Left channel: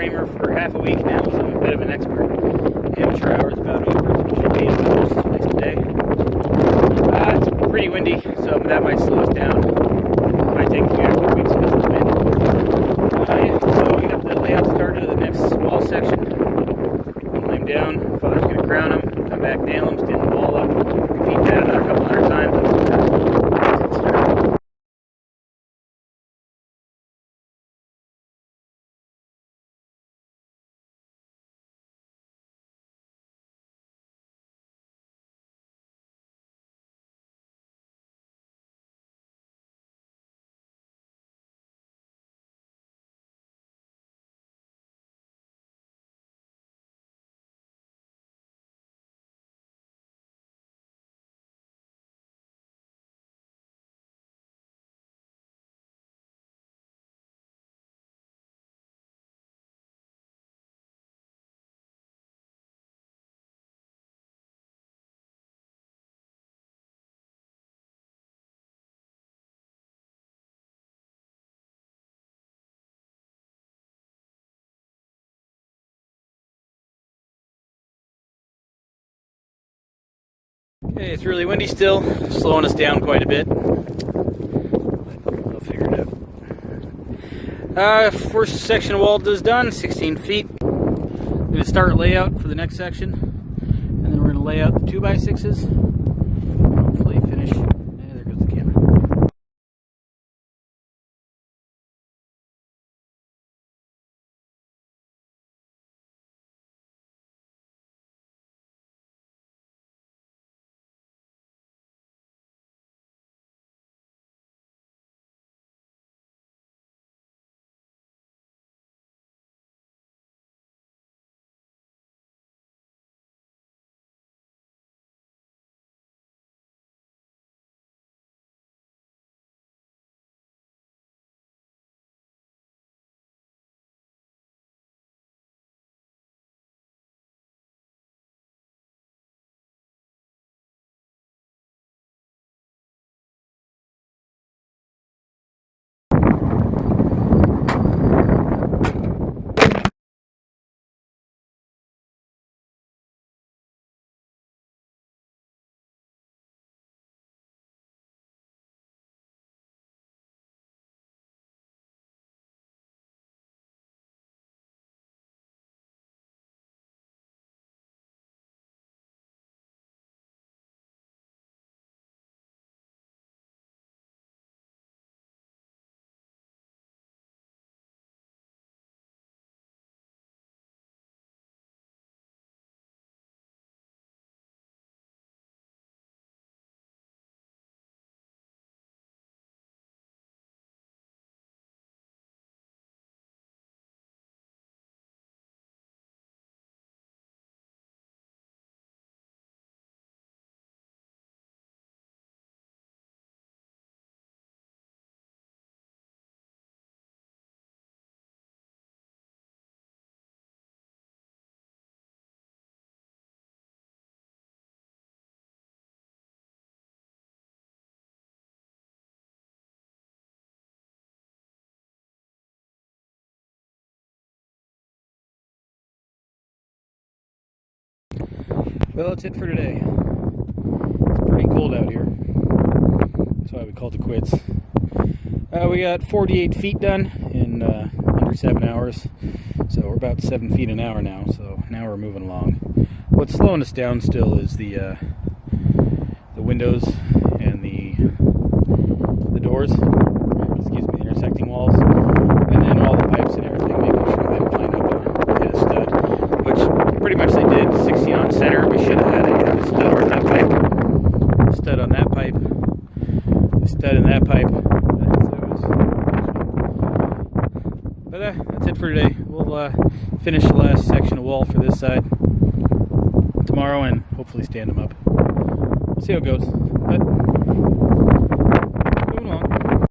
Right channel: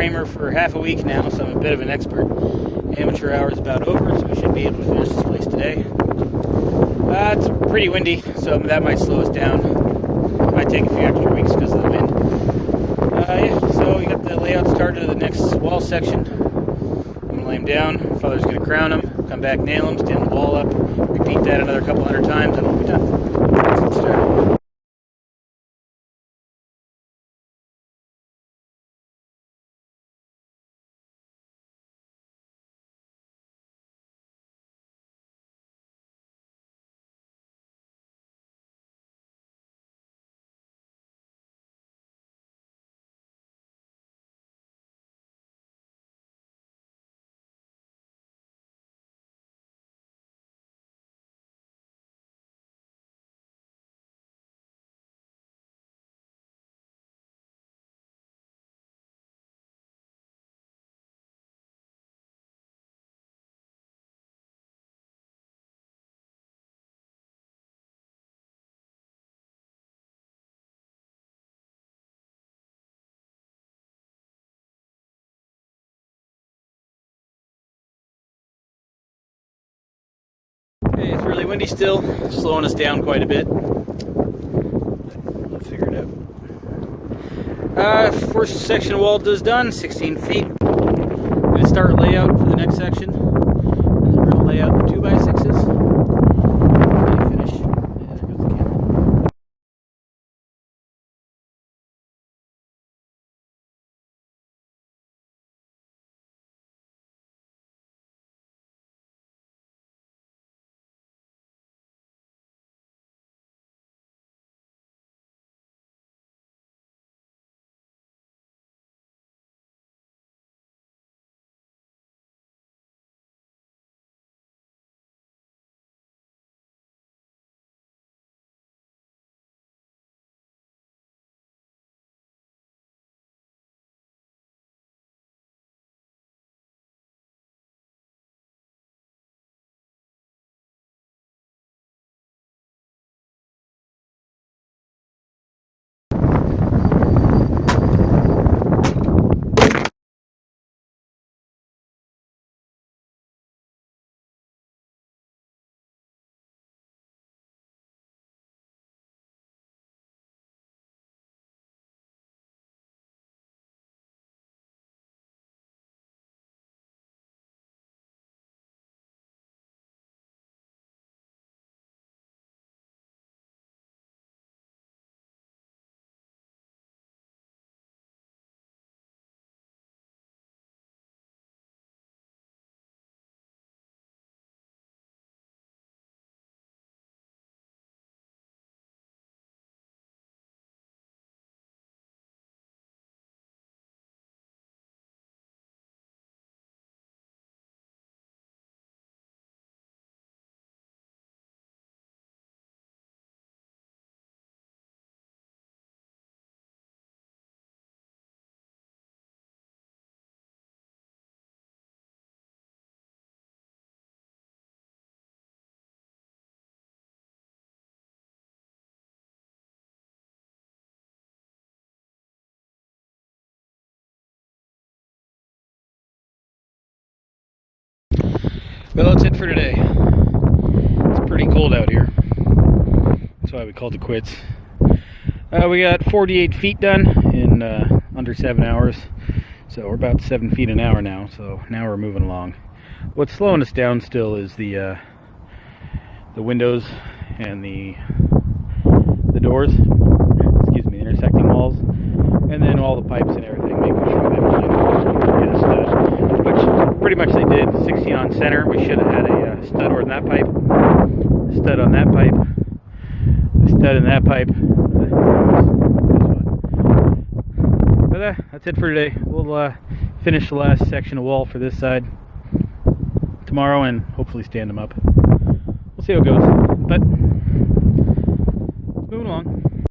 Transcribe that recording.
framer for half a week now, so I'm a bit of an expert. Amateur hour's about over, so we should be able to finish this place today. It's pretty windy, so that might slow us down. Might take a few extra weeks because of the wind. So we got the layout started of the next wall section. I'm gonna lay him down. Father's gonna crown him, come back, nail him, stand the wall up, repeat that another couple hundred times, and that's it started. Okay, it's really windy still, slowing us down quite a bit. I'll figure it out. First section of wall is done, 16 feet. I'm going to start layout for the next section. And then we're going to lay out the 2x6s. Hopefully finish. Yeah, there goes the camera. Well, that's it for today. It's pretty cold out here. That's why we called it quits. We got 48 feet done in under 7 hours. So we're about 7 feet an hour now. So now we're moving along. What's slowing us down still is the windows and the doors. Excuse me, intersecting walls, and then all the pipes and everything, making sure they line up and hit a stud. Which pretty much they did. 16 on center. We should have had a stud on that pipe, stud on that pipe, a stud in that pipe. But that's it for today. We'll finish the last section of wall for this side tomorrow and hopefully stand them up. We'll see how it goes. But